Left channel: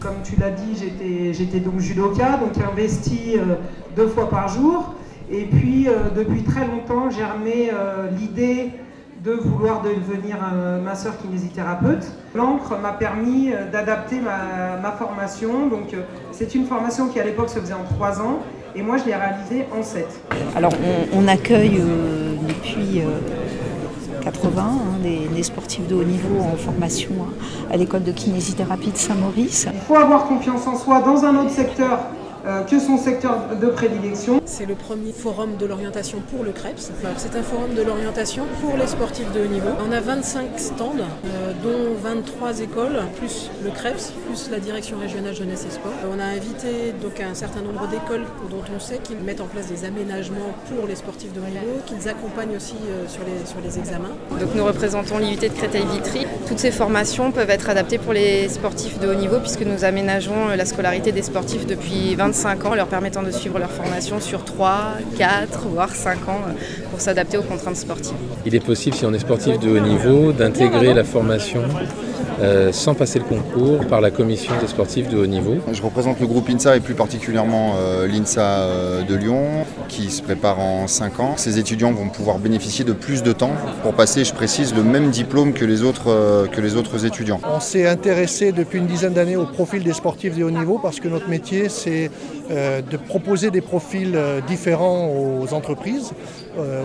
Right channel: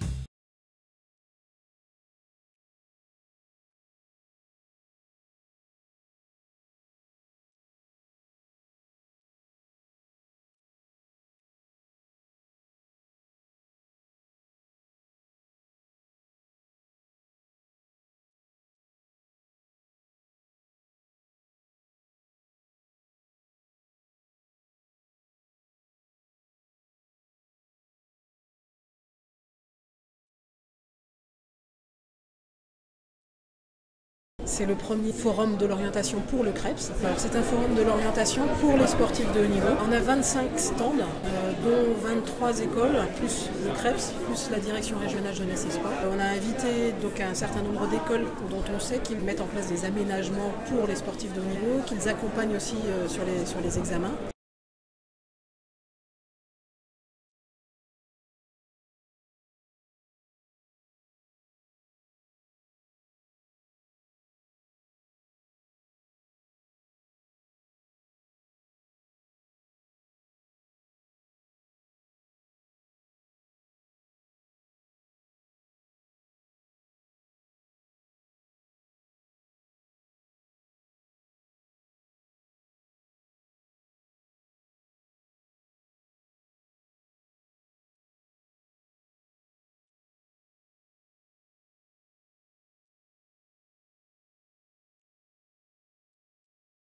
Comme tu l'as dit, j'étais donc judoka, donc investi 2 fois par jour. Et puis, depuis très longtemps, germait l'idée de vouloir devenir masseur kinésithérapeute. L'encre m'a permis d'adapter ma formation. Donc, c'est une formation qui, à l'époque, se faisait en 3 ans. Et moi, je l'ai réalisée en 7. Alors, on accueille depuis 80 des sportifs de haut niveau en formation à l'école de kinésithérapie de Saint-Maurice. Il faut avoir confiance en soi dans un autre secteur que son secteur de prédilection. C'est le premier forum de l'orientation pour le CREPS. C'est un forum de l'orientation pour les sportifs de haut niveau. On a 25 stands, dont 23 écoles, plus le CREPS, plus la direction régionale jeunesse et sport. On a invité donc un certain nombre d'écoles dont on sait qu'ils mettent en place des aménagements pour les sportifs de haut niveau, qu'ils accompagnent aussi sur les examens. Donc nous représentons l'IUT de Créteil-Vitry. Toutes ces formations peuvent être adaptées pour les sportifs de haut niveau puisque nous aménageons la scolarité des sportifs depuis 25 ans, leur permettant de suivre leur formation sur 3, 4, voire 5 ans pour s'adapter aux contraintes sportives. Il est possible, si on est sportif de haut niveau, d'intégrer la formation sans passer le concours par la commission des sportifs de haut niveau. Je représente le groupe INSA et plus particulièrement l'INSA de Lyon qui se prépare en 5 ans. Ces étudiants vont pouvoir bénéficier de plus de temps pour passer, je précise, le même diplôme que les autres étudiants. On s'est intéressé depuis une dizaine d'années au profil des sportifs de haut niveau parce que notre métier c'est de proposer des profils différents aux entreprises,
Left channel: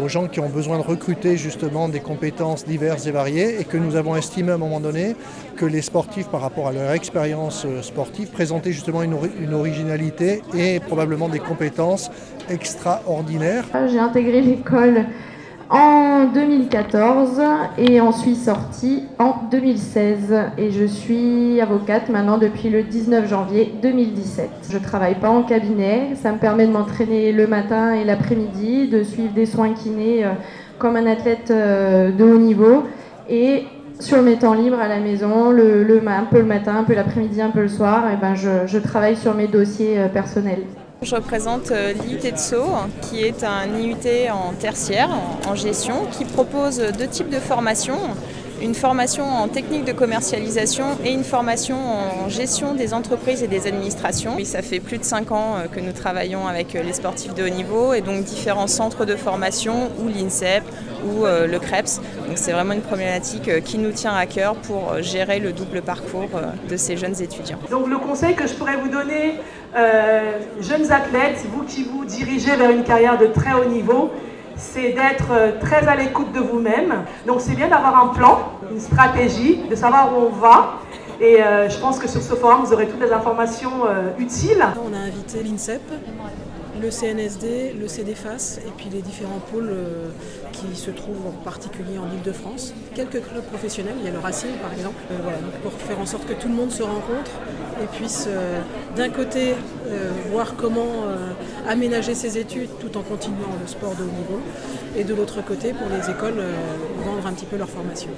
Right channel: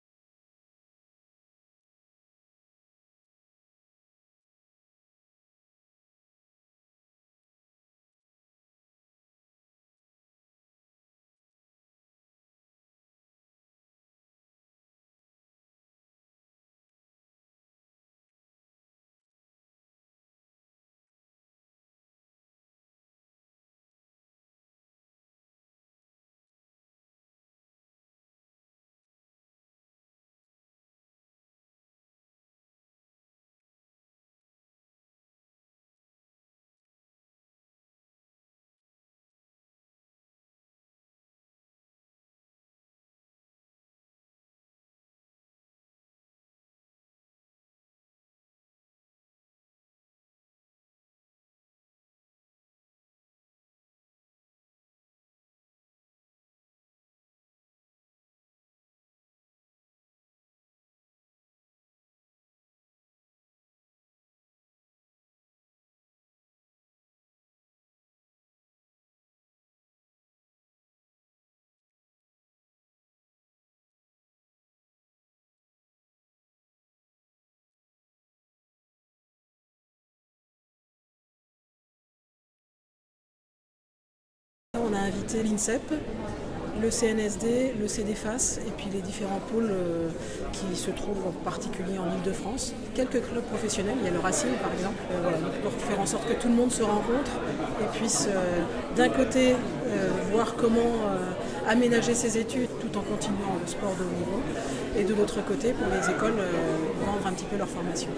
aux gens qui ont besoin de recruter justement des compétences diverses et variées et que nous avons estimé à un moment donné que les sportifs par rapport à leur expérience sportive présentaient justement une originalité et probablement des compétences extraordinaires. J'ai intégré l'école en 2014 et en suis sortie en 2016 et je suis avocate maintenant depuis le 19 janvier 2017. Je ne travaille pas en cabinet, ça me permet de m'entraîner le matin et l'après-midi, de suivre des soins kinés comme un athlète de haut niveau et sur mes temps libres à la maison, un peu le matin, un peu l'après-midi, un peu le soir, et je travaille sur mes dossiers personnels. Je représente l'IUT de Sceaux, qui est un IUT en tertiaire, en gestion, qui propose 2 types de formations. Une formation en technique de commercialisation et une formation en gestion des entreprises et des administrations. Et ça fait plus de 5 ans que nous travaillons avec les sportifs de haut niveau et donc différents centres de formation ou l'INSEP ou le CREPS. Donc c'est vraiment une problématique qui nous tient à cœur pour gérer le double parcours de ces jeunes étudiants. Donc le conseil que je pourrais vous donner, jeunes athlètes, vous qui vous dirigez vers une carrière de très haut niveau, c'est d'être très à l'écoute de vous-même. Donc c'est bien d'avoir un plan, une stratégie, de savoir où on va. Et je pense que sur ce forum, vous aurez toutes les informations utiles. On a invité l'INSEP, le CNSD, le CDFAS et puis les différents pôles qui se trouvent en particulier en Ile-de-France. Quelques clubs professionnels, il y a le Racing par exemple, pour faire en sorte que tout le monde se rencontre et puisse d'un côté voir comment aménager ses études tout en continuant le sport de haut niveau et de l'autre côté pour les écoles vendre un petit peu leur formation.